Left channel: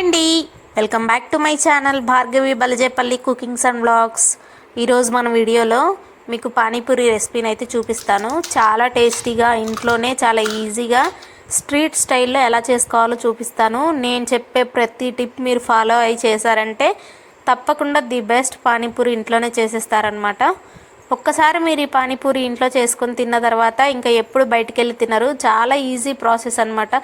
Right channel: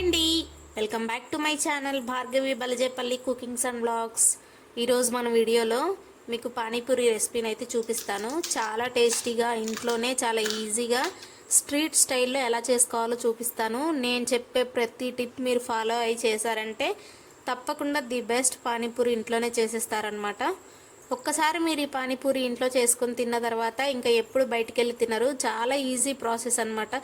అండి. Welcome back to my channel Bhargavi Balajepalli cookings and blogs ఈరోజు మన వీడియోలో మీకు పానీపూరి రెసిపీని అయితే చూపిస్తాను. చాలా టేస్టీగా ఇంట్లోనే చాలా ఈజీగా స్ట్రీట్ స్టైల్లో ఎలా చేసుకోవాలో చూపిస్తాను. నేను చెప్పే ప్రతి టిప్ మీరు ఫాలో అయి చేశారంటే తప్పకుండా ది బెస్ట్ పానీపూరి ఇంట్లోనే చేసేస్తారనమాట ఒక్కసారి మీరు ఈ పానీపూరి ఇంట్లో చేసుకొని తిన్న తర్వాత ఇంకా ఎప్పుడు బయటికి వెళ్ళి తినరు. చాలా ఈజీ ప్రాసెస్ అనమాట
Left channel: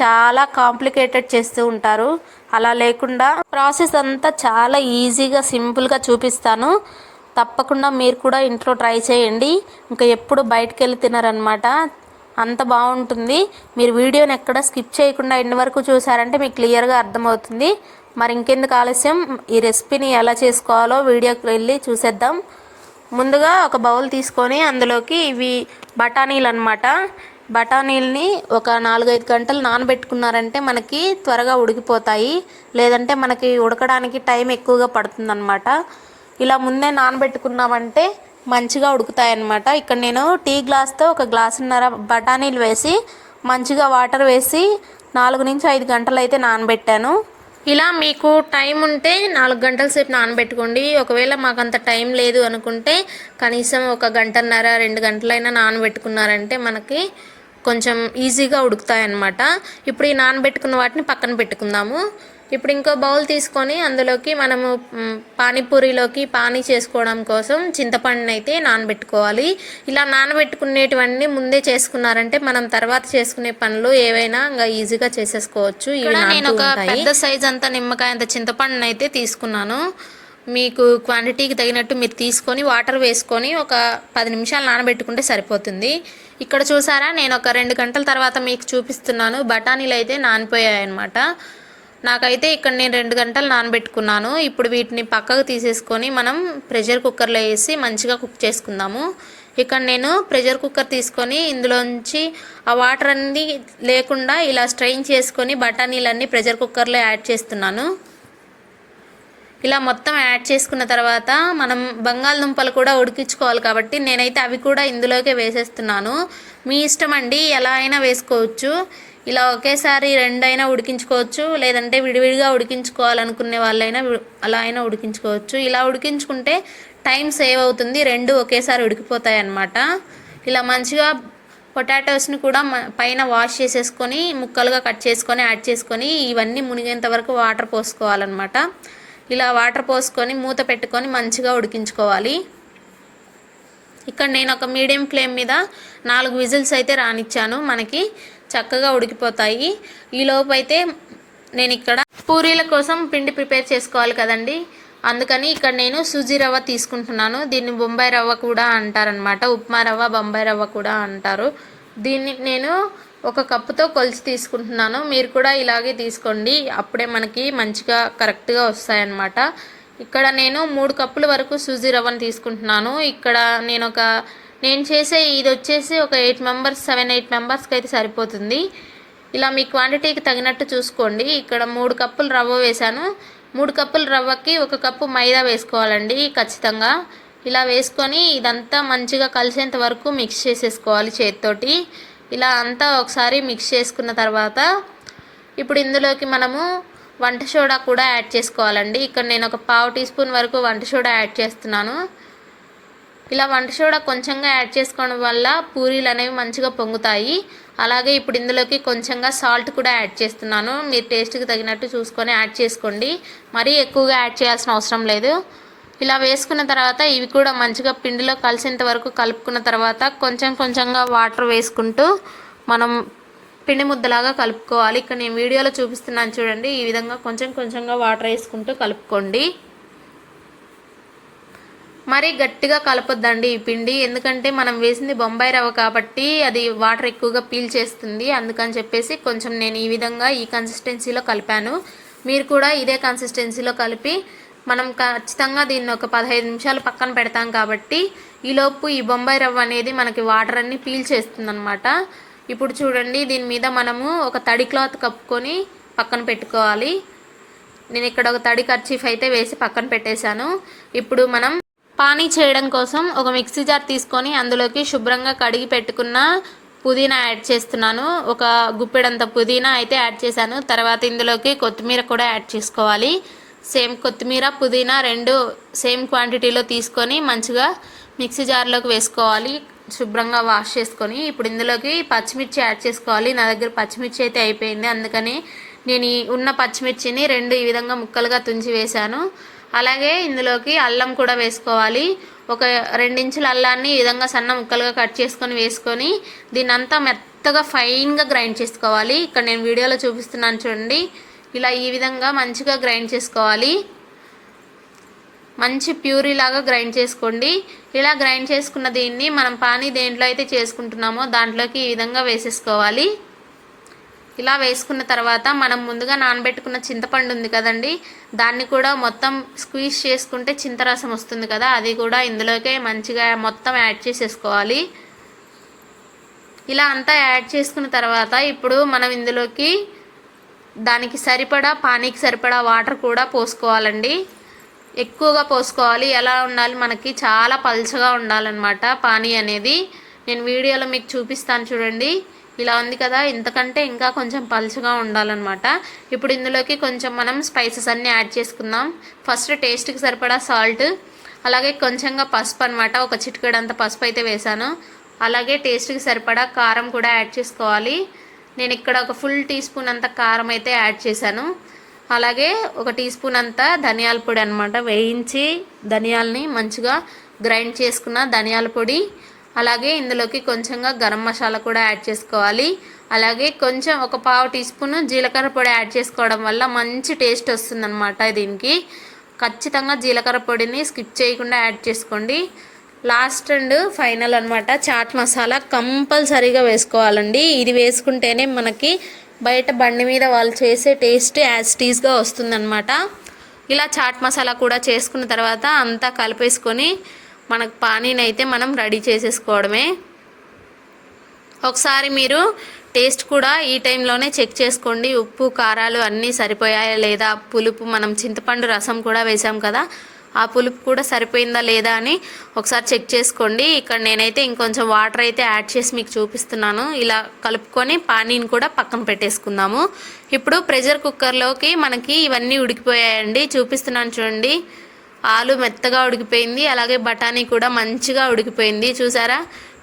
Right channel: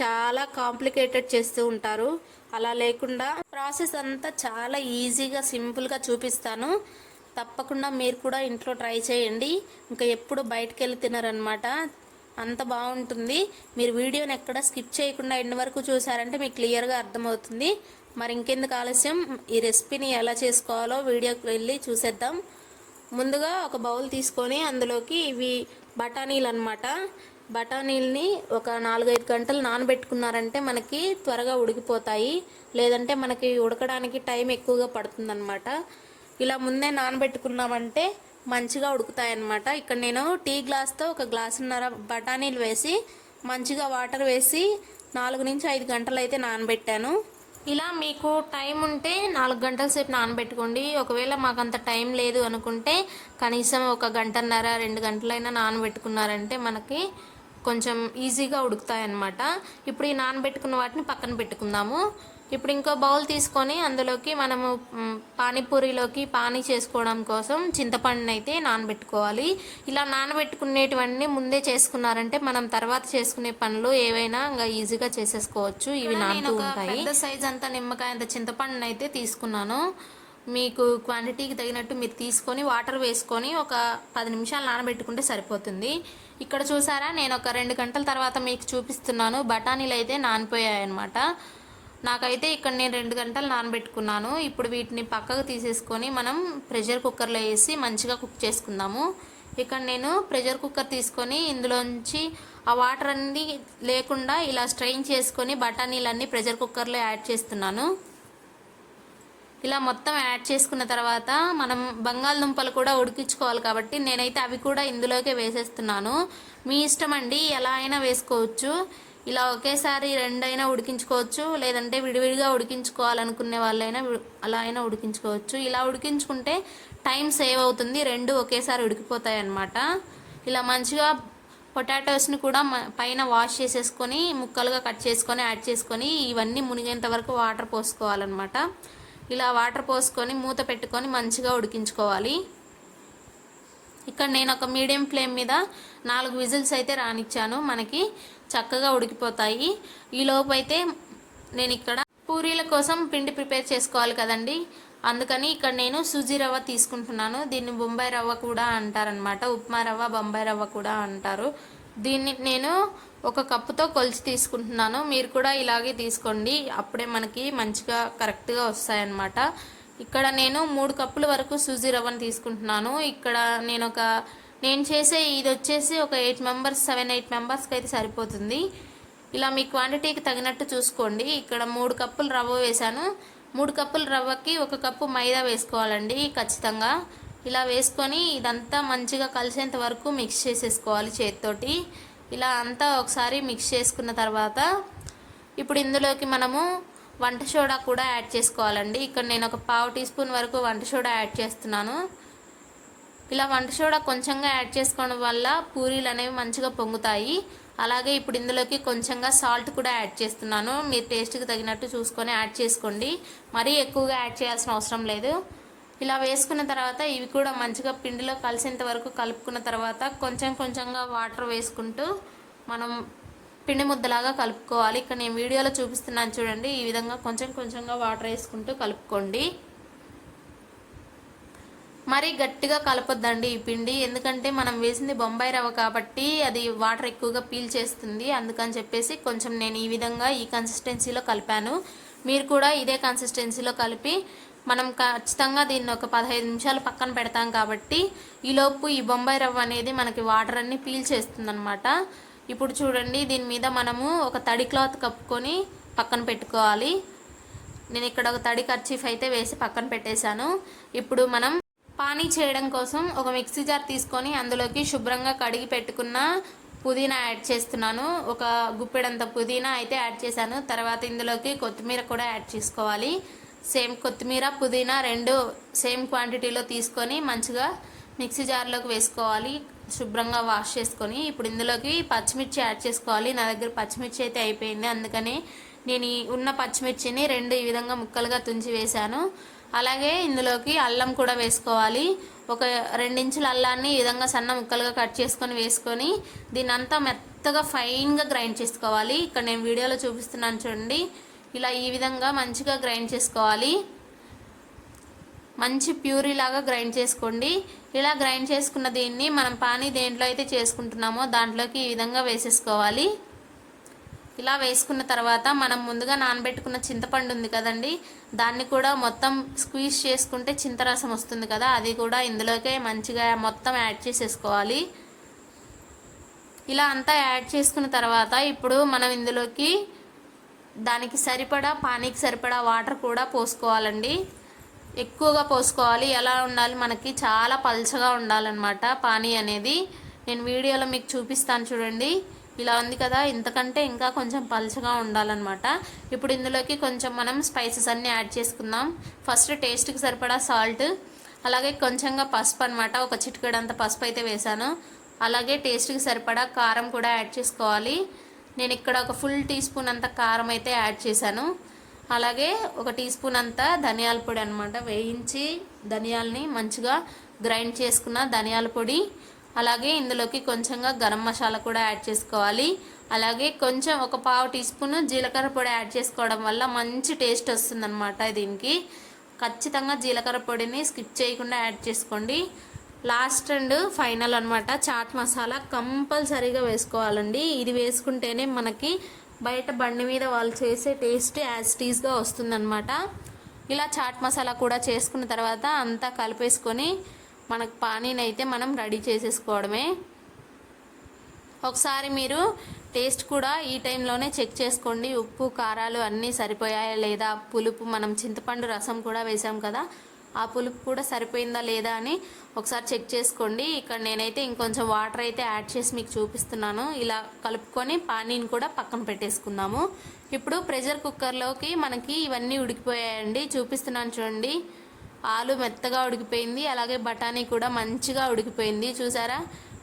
చాలా కాంప్లికేటెడ్ చేస్తూ ఉంటారు. అలా లేకుండా ప్రాసెస్ అంతా చాలా ఈజీగా సింపుల్గా చూపిస్తాను. తప్పకుండా మీరు కూడా ఇంట్లో ట్రై చేయండి. ఇంకా ఎప్పుడు బయటికి వెళ్ళి తినరనమాట అంత బాగుంటుంది. మీరు వీడియోని ఎక్కడ స్కిప్ చేయకుండా ఎన్ని వరకు చూసారంటే మీకు క్లియర్గా అర్థమవుతుంది. మరి ఇంకెందుకు ఆలస్యం? ఈ రెసిపీని ఎలా చేసుకోవాలో వీడియోకి వెళ్ళి చూసేద్దాం. ముందుగా ఒక బౌల్ తీసుకొని అందులోకి ఇవి బఠానీలు అనమాట బఠానీల్ని ఒక నాలుగైదు గంటలు నానబెట్టుకున్నారంటే మనకి త్వరగా ఉడికిపోతాయి. లేదంటే మనకి ఉడకడానికి టైం ఎక్కువగా పడుతుందన్నమాట. ఇలా ముందే నానబెట్టుకున్నామంటే మంచిగా ఉడుకుతాయి అన్నమాట ఇక్కడ నేను టీ గ్లాస్తో ఒక గ్లాసున్నర బఠానీలు వేసి మంచిగా వాటర్ వేసి నాలుగు నుంచి ఐదు గంటలు అయితే నానబెట్టాను. ఇలా మీకు టైం ఉంటే నాలుగు గంటల సేపు నానబెట్టుకోండి. ఒకవేళ మాకు అంత టైం లేదు అనుకుంటే కనీసం ఒక గంటన్నర రెండు గంటలైనా నానబెట్టుకున్నారంటే మనకి కొంచెం ఈజీగా ఉడుకుతాయి అన్నమాట ఇప్పుడు ఈ నానబెట్టుకున్న వాటిని పక్కన పెట్టుకుందాము. ఇప్పుడు ఇంకో బౌల్ తీసుకొని అందులోకి మనము పానీపూరిలోకి పానీ చేసుకోవడం కోసం చింతపండుని అయితే నానబెట్టుకోవాలి. ఇలా నానబెట్టుకునేటివన్నీ ముందే చేసుకున్నారంటే మనం తర్వాత చేసుకునే పనులు ఏవైనా ఇంకా ఈజీగా చేసేసుకోవచ్చు. ఇవి నేను ఒక పెద్ద సైజ్ అంతా నిమ్మకాయ అంత చింతపండుని అయితే తీసుకున్నాను. మీకు క్వాంటిటీకి తగినట్టు మీరు తీసుకొని వాటర్ వేసుకొని ఒక పది నిమిషాలు నానబెట్టుకుంటే సరిపోతుంది. ఇక్కడ చూసారా? నేను ఒక రెండు గంటల తర్వాత మీకు చూపిస్తున్నాను. బఠానీలు అయితే నానిపోయాయన్నమాట. నాకైతే ఇక్కడ నేను రెండు గంటలు నానబెట్టుకున్నాను. ఇప్పుడు వీటిని పక్కకు తీసేసుకొని మనం ప్రెషర్ కుక్కర్లో వేసి మంచిగా కుక్ చేసుకుందాము. ఇక్కడ నేను ప్రెషర్ కుక్కర్ తీసుకొని ఇందులోంచి ఆ వాటర్ అన్నీ లేకుండా ఇలా స్ట్రెయిన్ చేసుకొని బఠానీలన్నీ ప్రెషర్ కుక్కర్లో యాడ్ చేస్తున్నాను. ఇలా మొత్తం యాడ్ చేసుకున్న తర్వాత మనం బంగాళదుంపలు కూడా ఉడికించుకోవాలి కాబట్టి నేనైతే అవి కూడా ఇందులోకే వేసేస్తున్నాను. మీ ఇష్టం అండి ఎలా అయినా వేసుకోవచ్చు. ఇలా ఒకేసారి రెండైనా ఉడికించుకోవచ్చు లేదంటే విడివిడిగా ఉడికించుకోవాలనుకునే వాళ్ళైనా అలా అయినా ఉడికించుకోవచ్చు. ఇలా ఉడికించుకుంటే టైం సేవ్ అవుతుంది రెండు ఒకేసారి ఉడికిపోతాయి అన్నమాట ఇలా మంచిగా పొటాటోస్ని కూడా పైన వాష్ చేసేసుకొని ముక్కలుగా కట్ చేసుకొని యాడ్ చేసుకొని ఇవన్నీ మునిగేంత వరకు వాటర్ పోసుకోవాలన్నమాట. ఇలా వాటర్ పోసుకొని మూత పెట్టుకొని మంచిగా ఉడికించుకోవాలి. ఇక్కడ నేను ఒక మీడియం ఫ్లేమ్ మీద నాలుగు విజిల్స్ అయితే రానిచ్చాను. మనకి చక్కగా ఉడికిపోతాయి. ఈలోపు అయితే నేను ఇక్కడ పూరీల కోసం పిండి ప్రిపేర్ చేసుకోవాలి కదండి. అందుకని ఇక్కడ నేను సూజీ రవ్వ తీసుకుంటున్నాను. దీన్ని బొంబాయి రవ్వ కూడా అంటారనమాట ఉప్మా రవ్వ బొంబాయి రవ్వ కూడా అంటారు. దీన్ని నేను ఒక కప్పుతో కొలిచి తీసుకుంటున్నాను. మీరు కూడా ఇలాగే తీసుకోండి. అప్పుడే మనకి మంచిగా కరెక్ట్గా వస్తాయన్నమాట. ఇక్కడ నేను మూడు కప్పుల వరకు సూజీ రవ్వను తీసుకుంటున్నాను. ఇక్కడ నేను ఒక నేను చేసే ఇది వచ్చేసి ఒక ఎయిట్ మెంబర్స్ సెవెన్ ఎయిట్ మెంబర్స్కి అయితే సరిపోతుంది. ఇలా మీ క్వాంటిటీకి తగినట్టు చూసుకోండి. ఇక్కడ మూడు కప్పులు రవ్వ వేశాను. మూడు కప్పుల రవ్వకి ఒక కప్పు మైదా వేసుకోవాలండి ఖచ్చితంగా. ఇలా వేసుకొని ఇదంతా మంచిగా కలిసేంత వరకు మిక్స్ చేసేసుకోవాలి చేతితోటి. ఇలా అంతా ఒకసారి మిక్స్ చేసుకున్న తర్వాత ఇప్పుడు ఇందులోకి మనము వంట సోడా కూడా యాడ్ చేసుకోవాలండి. ఇక్కడ నేను ఒక పావు టీ స్పూన్ వరకు వంట సోడా యాడ్ చేస్తున్నాను. ఇలా వంట సోడా కొంచెంగా యాడ్ చేసుకోవడం వల్ల పూరీలు అనేవి మంచిగా పొంగుతాయి. అలాగే ఇప్పుడు ఇందులోకి కొంచెంగా సాల్ట్ కూడా యాడ్ చేస్తున్నాను. మీరు టేస్ట్కి తగినట్టు చూసుకొని యాడ్ చేసుకోండి. మరీ ఎక్కువగా యాడ్ చేయాల్సిన అవసరం లేదు. ఇలా వేసుకున్న తర్వాత ఇవి కూడా మంచిగా పిండిలో కలిసేంత వరకు కలుపుకున్న తర్వాత కొంచెం కొంచెంగా వాటర్ వేసుకుంటూ మనం పిండి ముద్దలాగా కలుపుకోవాలి. ఇక్కడ నేను వీడియోలో చూపిస్తున్నాను చూడండి. ఈ విధంగా కొంచెం కొంచెంగా వాటర్ వేసుకుంటూ కలుపుకోండి. మరీ గట్టిగా కలపొద్దండి ఈ పిండి. ఎందుకంటే మనం వేసింది బొంబాయి రవ్వ కాబట్టి అది వాటర్ ఎక్కువగా పీల్ చేస్తుంది. అందుకని చెప్పేసి కొంచెం నేను ఈ విధంగా ఈ కన్సిస్టెన్సీలో కలిపాను. మీరు కూడా ఇదే కన్సిస్టెన్సీలో కలిపి మనం ఖచ్చితంగా దీన్ని ఒక పదహైదు నిమిషాలు పక్కన పెడతాం కాబట్టి ఈలోపు ఈ బొంబాయి రవ్వ అనేది మనకి వాటర్ అన్ని పీల్ చేస్తుందన్నమాట. ఇప్పుడు చూడండి దీని మీద మనము ఒక తడి క్లాత్ కప్పుకొని పక్కన పెట్టుకోవాలి. నేను ఇక్కడ ఒక తడి కర్చీఫ్ అయితే వేసి పక్కన పెట్టేశాను. ఇప్పుడు మనం పానీ చేయడం కోసం ఒక మిక్సీ జార్ తీసుకొని అందులోకి శుభ్రంగా కడిగి పెట్టుకున్న పుదీనా యాడ్ చేస్తున్నాను. ఒక గుప్పెడంత పుదీనా అయితే యాడ్ చేశాను. తర్వాత ఇందులోకి కొత్తిమీర కూడా యాడ్ చేసుకోవాలి. సేమ్ కొత్తిమీర పుదీనా రెండు సేమ్ క్వాంటిటీలో తీసుకొని మంచిగా మిక్సీ జార్లోకి వేసుకోవాలి. శుభ్రంగా వాష్ చేసుకొని ఇప్పుడు ఇందులోకి పచ్చిమిర్చి యాడ్ చేసుకోవాలి. నా దగ్గర పచ్చిమిర్చి అయితే అయిపోయింది. అందుకని నేను ఈ ఉన్న పచ్చిమిర్చిని రెండు ఈ విధంగా ముక్కలుగా తుంచి వేశాను. అలాగే ఇందులోకి అల్లం కూడా వేసుకోవాలి. ఒక రెండించుల అల్లాన్ని ఈ విధంగా సన్న ముక్కలుగా కట్ చేసుకొని వేసుకొని దీన్నంతా మెత్తగా ఫైన్గా గ్రైండ్ చేసుకోవాలి. ఇక్కడ నేను వీడియోలో చూపిస్తున్నాను చూడండి. ఇలా ఈ విధంగా మంచిగా గ్రైండ్ చేసుకోవాలి. మంచి ప్యూరీ లాగా గ్రైండ్ చేసుకోండి. ఇలా గ్రైండ్ చేసుకున్న దీన్ని మనం పానీ దేంట్లో అయితే చేసుకుంటున్నామో దాంట్లోకి ఈ విధంగా వేసేసుకోవాలి. ఇలా వేసుకున్న తర్వాత మనం ముందుగా నానబెట్టుకున్న చింతపండు ఉంది కదండి దాన్ని కూడా మొత్తం స్క్వీజ్ చేసుకుంటే చింతరసం వస్తుంది కదా అది కూడా ఇందులోకే మంచిగా మొత్తం యాడ్ చేసేసుకోవాలి. ఇలా అంతా యాడ్ చేసుకున్న తర్వాత ఇప్పుడు మనం ఇందులోకి దానికి సరిపడా పానీకి సరిపడా వాటర్ కూడా పోసుకోవాలండి. ఎక్కువగా పోసుకోవాలి. ఎలా ఉండాలి? మనకి చాలా పల్చగా ఉండాలన్నమాట పానీ అనేది. నేను వీడియోలో మీకు చూపిస్తాను చూడండి. ఇలా ఉంది కదా. ఇంతకంటే ఇంకా కొంచెం పల్చగా ఉండాలన్నమాట. ఇప్పుడు ఇందులోకి కొంచెం మనం స్పైసెస్ అన్నీ యాడ్ చేసుకుందాం. ఫస్ట్ టేస్ట్కి సరిపడా సాల్ట్ అలాగే కొంచెంగా పసుపు అనమాట ఒక చిటికెడంత పసుపు అయితే వేసాను అలాగే టేస్ట్కి సరిపడా కారం కూడా యాడ్ చేసుకోవాలి. నేను ఇక్కడ ఒక ఫుల్ టీ స్పూన్ అంత కారం అయితే యాడ్ చేశాను. అలాగే ఒక టీ స్పూన్ అంతా ధనియాల పొడి అనమాట వేయించి ధనియాలని మంచిగా గ్రైండ్ చేసుకున్న ధనియాల పొడి. అలాగే ఇందులోకి కొంచెంగా గరం మసాలా కూడా యాడ్ చేసుకోవాలి. అలాగే కొంచెం ఒక పావు టీ స్పూన్ జీలకర్ర పొడి యాడ్ చేసుకోవడం వల్ల మంచి టేస్ట్ వస్తుందన్నమాట దీనికి. ఖచ్చితంగా జీలకర్ర పొడిని స్కిప్ చేయకుండా యాడ్ చేసుకోండి. లాస్ట్ అండ్ ఫైనల్ అనమాట చాట్ మసాలా కంపల్సరీగా వేసుకోవాలండి. ఇది వేసుకుంటేనే మనకి బయట బండి మీద వాళ్ళు చేసే టేస్ట్ యాజ్ టీస్గా వస్తుందన్నమాట. ఇలా చాట్ మసాలా కూడా చేసుకున్న తర్వాత అంతా కలిపేసుకొని మనకు పానీని అయితే మనం రెడీ చేసేసుకోవడమే. ఒకసారి మీరు టేస్ట్ కూడా ఈ టైంలోనే చెక్ చేసుకోండి. ఉప్పు కారాలు అన్నీ సరిపోయాయా లేదా? పులుపు మనం చింతపండు రసం కూడా వేసాం కదా. ఆ పులుపు కూడా సరిపోయిందా లేదా అని ఒకసారి చెక్ చేసుకోండి. ఇక్కడ నేనైతే ఇంకొంచెం వాటర్ అయితే యాడ్ చేసి మీకు చూపిస్తున్నాను. ఇలా కలుపుకొని పానీని కూడా పక్కన పెట్టేసుకుందాము. ఇప్పుడు ప్రెషర్ కుక్కర్లోకి మనకి ఇవన్నీ ఉడికిపోయాయండి. చూపిస్తున్నాను చూడండి. ఆలు మెత్తగా ఉడికిపోయింది. అలాగే బఠానీ కూడా మంచిగా ఉడికిపోయింది. చూసారా?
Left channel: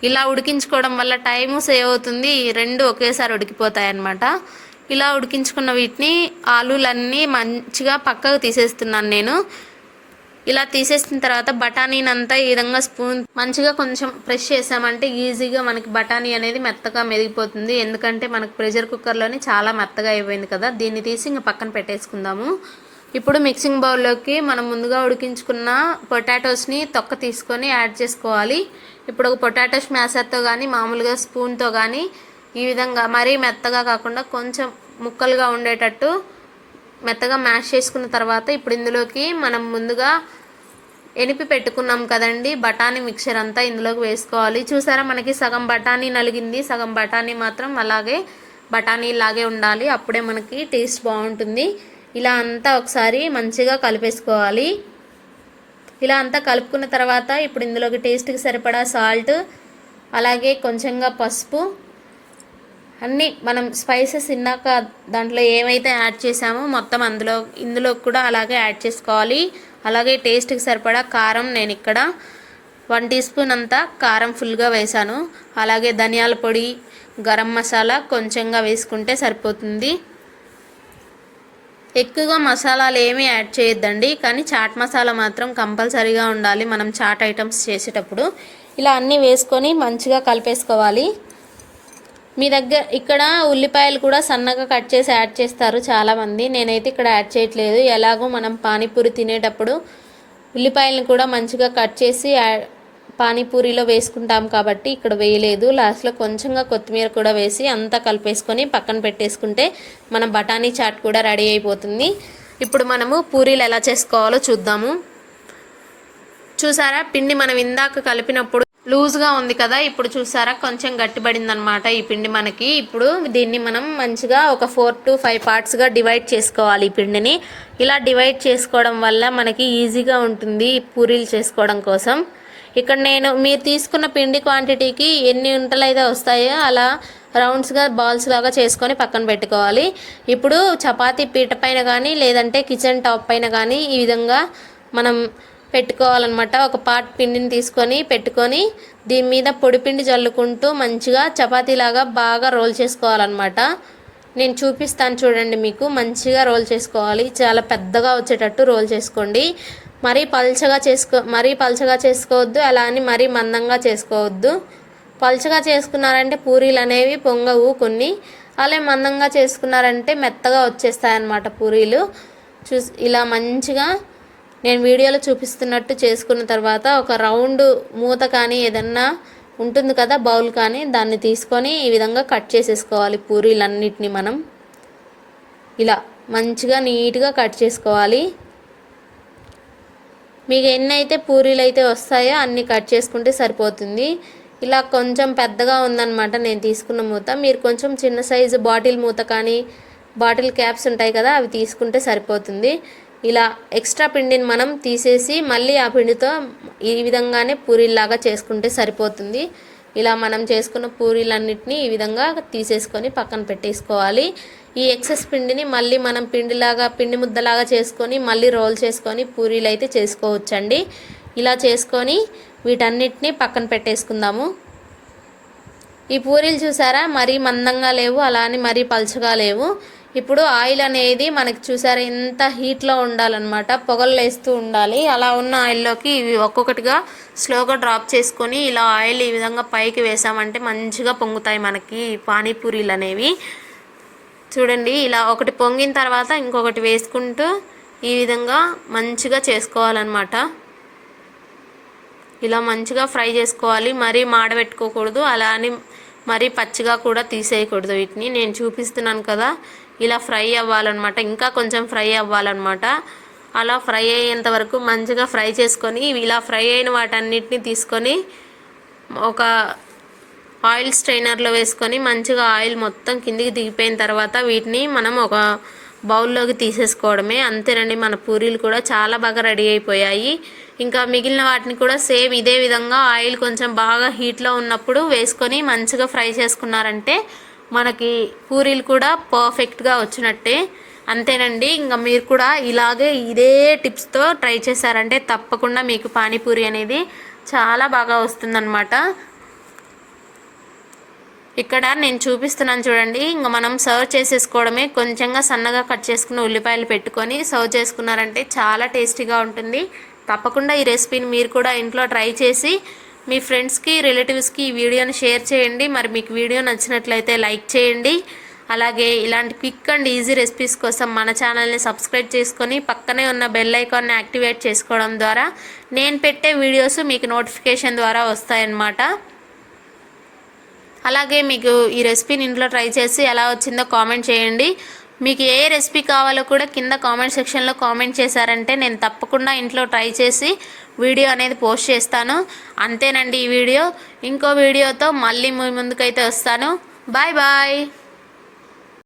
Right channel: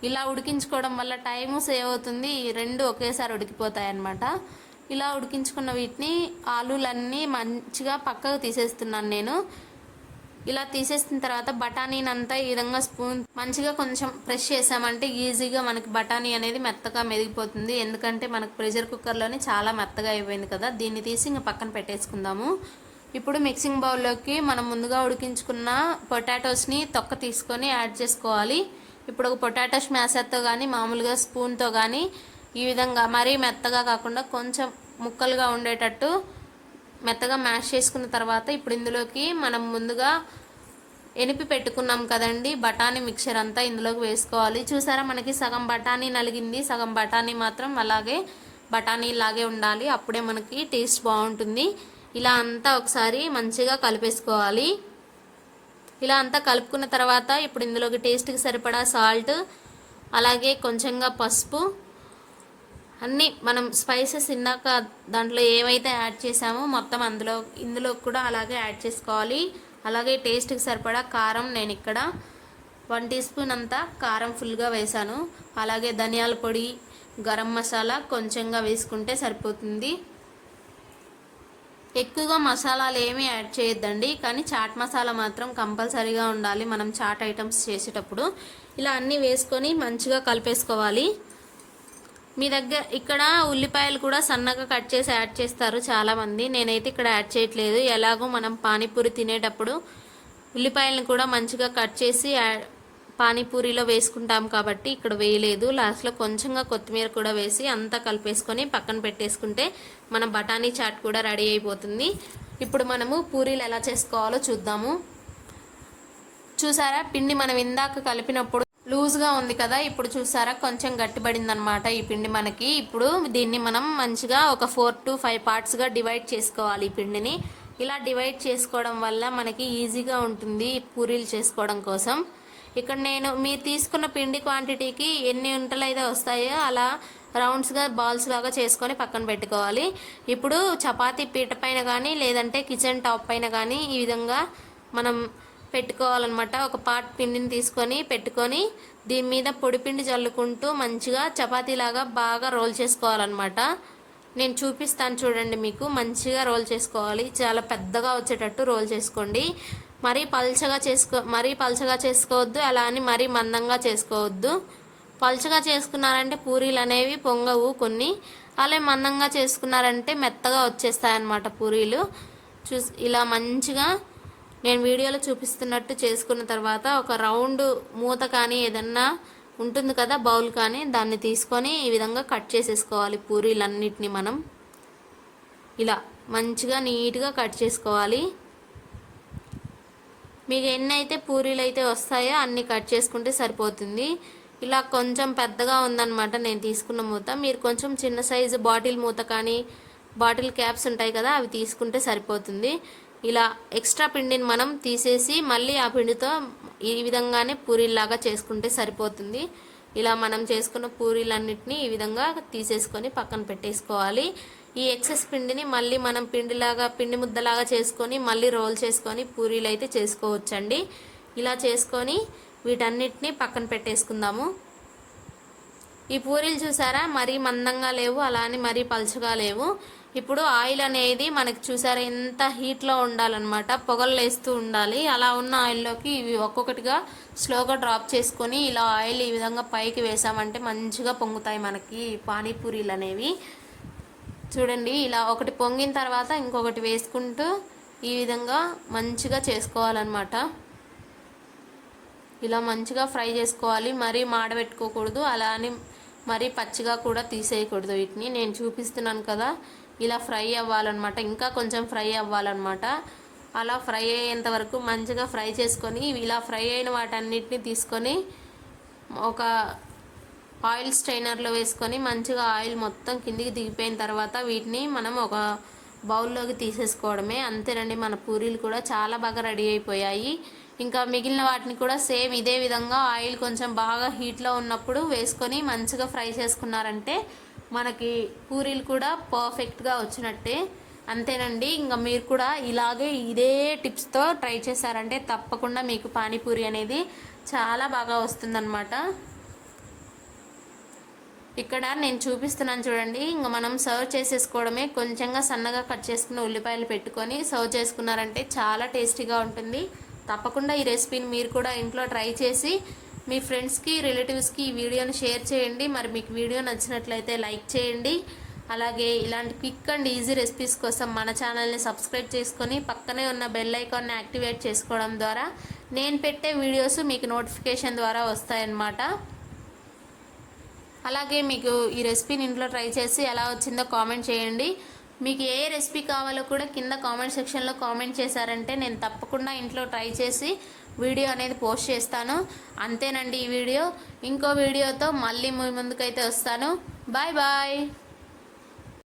ఇలా ఉడికించుకోవడం వల్ల టైము సేవ్ అవుతుంది. రెండు ఒకేసారి ఉడికిపోతాయి అన్నమాట ఇలా ఉడికించుకున్న వీటిని ఆలులన్నీ మంచిగా పక్కకు తీసేస్తున్నాను నేను. ఇలా తీసేసిన తర్వాత బఠానీని అంతా ఈ విధంగా స్పూన్ మంచిగా కొంచెం ప్రెష్ చేసామంటే ఈజీగా మనకి బఠానీ అనేది మెత్తగా మెదిగిపోతుంది ఎందుకంటే మనకు ప్రెషర్ కుక్కర్లోనే చాలా మెత్తగా అయిపోయింది కదా. దీన్ని తీసి ఇంకా పక్కన పెట్టేసుకుందాము. ఇప్పుడు మిక్సింగ్ బౌల్లోకి మనం ముందుగా ఉడికించుకున్న పొటాటోస్ని తొక్క తీసుకొని యాడ్ చేసుకోవాలి. ఇప్పుడు ఒక పొటాటో స్మాషర్తో కానీ మామూలుగా స్పూన్తో కానీ ఈ విధంగా మరీ మెత్తగా కాకుండా కొంచెం ముక్కలుగా ఉండేటట్టు మెత్తగా మ్యాష్ చేసుకున్న తర్వాత ఇప్పుడు ఇందులోకి మనం ముందుగా ఎనిపి పెట్టుకున్నాం కదండి బఠానీ మిక్చర్ అంతా ఇందులోకి వేసుకోవాలి. చూసారా మనకి సగం బఠానీ నలిగింది సగం బఠానీ మాత్రం అలాగే బఠానీ లాగే ఉండాలి. అప్పుడే మనకి టేస్ట్ బాగుంటుంది. ఇలా అంతా ఒకసారి మంచిగా కలిపేసుకోవాలి. ఇలా అంతా కలుపుకున్న తర్వాత ఇప్పుడు ఇందులోకి టేస్ట్కి సరిపడా సాల్ట్ అలాగే కొంచెంగా పసుపు అన్నీ మనం స్పైసెస్ ఇందాక దాంట్లో ఏమైతే యాడ్ చేసామో మొత్తం అందులో ఇందులో కూడా అలాగే యాడ్ చేసుకోవాలి. అలాగే టేస్ట్కి సరిపడా కారం నేను ఇక్కడ వన్ టీ స్పూన్ అంతా కారం ఫుల్గా వేసాను. అలాగే ధనియాల పొడి గరం మసాలా కొంచెంగా వేసుకుంటే సరిపోతుంది. ఎక్కువగా మసాలాలు ఏమీ యాడ్ చేయొద్దండి కానీ చాట్ మసాలా మాత్రం కంపల్సరీగా ఉండాలి మనం చాట్ ఐటమ్స్ చేసేటప్పుడు. ఇలా అన్నీ వేసుకొని మంచిగా కలిపేసుకోవాలి. మీ దగ్గర ఇక్కడ ఉల్లిపాయలు కూడా సన్నగా కట్ చేసి యాడ్ చేస్తారు చాలామంది. నేనైతే ఇక్కడ యాడ్ చేయట్లేదు. ఎలాగో మనం పానీపూరి తినేటప్పుడు ఉల్లిపాయలను కూడా మంచిగా కట్ చేసి యాడ్ పానీపూరిలో వేసుకుంటాం కాబట్టి ఇక్కడ వేయలేదు. లాస్ట్లో కొంచెంగా కొత్తిమీర కూడా వేసి అంతా కలిపేసుకొని పక్కన పెట్టేసుకుంటే మన బఠానీ చాట్ కూడా రెడీ అయిపోతుంది. ఇప్పుడు మనము పూరీలు ఎలా చేసుకోవాలో చూద్దాము. చూసారా? పిండి మనం ఇందాక కలిపినప్పుడు లూజ్గా ఉంది కదా ఇప్పుడు చూసారా? కొంచెం గట్టిపడింది అనమాట ఈ పిండి మనకి. ఇప్పుడు దీన్ని మనం మంచిగా ఒక ఫోర్ టు ఫైవ్ పార్ట్స్గా డివైడ్ చేసుకోవాలి ఈ పిండిని. ఇలా డివైడ్ చేసుకోవడం వల్ల మనకి ఈజీగా ఉంటుంది పూరీలు చేసుకోవడం కోసం. ఇక్కడ నేను మీరు తీసుకున్న పిండి క్వాంటిటీకి ఎన్ని ఉంటలు అయితే వస్తాయో అలా రౌండ్స్గా బాల్స్ లాగా చేసుకొని పక్కన పెట్టుకోవాలి. ఇప్పుడు చపాతీ పీట పైన కానీ లేదంటే కిచెన్ టాప్ పైన కానీ ఈ విధంగా మనం పెట్టుకోవాలన్నమాట. ఒక పాట్ పిండిని తీసుకొని పెట్టుకొని దీని మీద పొడిపిండి జల్లుకుంటూ మంచిగా చపాతీలాగా బాగా రోల్ చేసుకోవాలన్నమాట. నేను చూపిస్తాను చూడండి మీకు. మంచిగా రోల్ చేసుకోవాలి. చాలా పెద్దగా వచ్చేటట్టు రోల్ చేసుకోండి. మరీ పల్చగా చేసుకో మరీ పల్చగా చేసుకోవద్దు. అలా అని మరీ మందంగా చేసుకోవద్దు. పల్చగా చేసుకున్నారంటే పూరీలు అనేవి పొంగవు కొన్ని. అలా మందంగా చేసుకున్నారంటే మెత్తగా వచ్చేస్తాయన్నమాట పూరీలు. చూ ఇలా మంచిగా నేను వీడియోలో చూపిస్తున్నట్టు చేసుకున్న తర్వాత ఒక రౌండ్ మూత కానీ ఏదన్నా ఉంటుంది కదా బౌల్ కానీ దాన్ని తీసుకొని ఈ విధంగా కట్ చేసేసుకోవాలి పూరీలన్నిటిని మనం. ఇలా మంచిగా నీట్గా కట్ చేసుకోవాలి. మీకు ఎన్ని అయితే పూరీలు అయితే వస్తాయో అన్ని కట్ చేసుకుంటే సరిపోతుంది. ఇలా కొంచెం పెద్దగా ఉందన్నమాట నేను తీసుకున్న మూత. మీరు కొంచెం చిన్న సైజు బాటిల్ మూత కానీ బాటిల్ క్యాప్స్ ఉంటాయి కదా అవి తీసుకుంటే సరిపోతుంది. ఇలా ఎక్స్ట్రా పిండిని మనం తీసేసి మళ్ళీ ఆ పిండితో ఈ విధంగానే పూరీలాగా చేసుకుంటే సరిపోతుంది. ఇలా మనం చేసుకున్న పూరీలన్నిటినీ ఈ విధంగా తీసేసుకొని పక్కన పెట్టేసుకోవాలి. ఈ ఎక్సెస్ పిండిని మళ్ళీ మనం పిండిలాగా పిండి ముద్దలాగా చేసుకొని మళ్ళీ రోల్ చేసుకొని పూరీలు అయితే చేసుకోవచ్చండి. ఇలా చేసుకొని వీటన్నిటిని పక్కన పెట్టేసుకుందాము. ఈ పూరీలు చూసారా? మరీ మందంగా లేవు అలా అని మరీ పలుచగా లేవు. ఇప్పుడు ఆయిల్ అనేది మనకి చూసారు ఎంత హీట్లో ఉండాలన్నమాట. పొగలు వేస్తూ ఉండాలి. అలా ఉన్న ఆయిల్లోకి ఇవి ఒక్కొక్కటిగా స్లోగా డ్రాప్ చేసుకొని ఇలా ఆయిల్ ఈ విధంగా పైకి వేసామంటే మంచిగా పొంగుతాయి మనకి పానీపూరీలు అనేవి. చూడండి ఇలా ఒకటి పొంగిన తర్వాత ఇంకొకటి వేసుకుంటూ ఈ విధంగా మంచిగా చేసుకోవాలన్నమాట. ఇలా మంచిగా ఫ్రై చేసుకోవాలి. మరీ మాడబెట్టుకోకూడదు అలా అని మరీ పచ్చిగా కూడా తీసేయకూడదు వీటిని. నేను చూపిస్తున్నాను కదా. ఇలా ఫ్రై అవ్వాలన్నమాట. ఇంకా కొంచెం ఫ్రై అవ్వాలన్నమాట. అలా ఫ్రై అయ్యేంత వరకు మంచిగా ఫ్రై చేసుకొని ఇలా ఫ్రై అయిన వాటన్నిటిని తీసుకొని ఒక ఆయిల్ స్ట్రైనర్లో వేసుకొని మంచిగా ఆయిల్ మొత్తం కిందికి దిగిపోయిన తర్వాత వీటిని మనం ఒక బౌల్లోకి తీసేసుకోవడమే. అంతేనండి మన పూరీలు కూడా చాలా బాగా రెడీ అయిపోయాయి. ఇంకా మిగిలిన వాటిని కూడా సేమ్ ఇదే విధంగా ఆయిల్ కొంచెం బాగా హీట్లో ఉన్నప్పుడు వేసుకొని మంచిగా ఫ్రై చేసుకున్నారంటే మనకి పూరీలు కూడా పర్ఫెక్ట్గా వచ్చినట్టే. అంతేనండి ఇంకా మీరు కూడా ఇలాగే ఇదే టిప్స్తో ట్రై చేశారంటే తప్పకుండా మీకు పానీపూరి అనేది చాలా బాగా వస్తుందన్నమాట. ఇక్కడ నేను చూపిస్తున్నాను చూడండి ఇంకా మనం సర్వ్ చేసేసుకోవడమే. కొంచెంగా సన్నగా కట్ చేసుకున్న ఉల్లిపాయలు పెట్టుకొని సర్వ్ చేసుకున్నారంటే చాలా టేస్టీగా ఉంటుంది. తప్పకుండా ఈ రెసిపీని మీరు కూడా ఇంట్లో ట్రై చేసి మీ ఫ్రెండ్స్కి రిలేటివ్స్కి ఈ వీడియోని షేర్ చేయండి. మరి మీకు వీడియో నచ్చినట్లయితే లైక్ చేయండి. అలాగే ఇలాంటి క్విక్ అండ్ ఈజీ రెసిపీస్ కోసం మన ఛానల్ని సబ్స్క్రైబ్ చేసుకొని పక్కనే ఉన్న బెల్ ఐకాన్ని యాక్టివేట్ చేసుకోవడం ద్వారా నేను పెట్టే వీడియోస్ మీకు నోటిఫికేషన్ ద్వారా వస్తాయన్నమాట. అలాగే మీకు ఈ రెసిపీని ఇంట్లో ట్రై చేసి ఎలా వచ్చిందో కామెంట్ చేయండి. మీకు ఏ రెసిపీ కావాలో కూడా కింద కామెంట్ సెక్షన్లో కామెంట్ చేశారంటే నేను తప్పకుండా ఇంట్లో ట్రై చేసి వీడియో అనేది పోస్ట్ చేస్తాను. అంతేనండి ఈ వీడియో. ఇంకో వీడియోతో మళ్ళీ ముందుకైతే వస్తాను. Bye bye.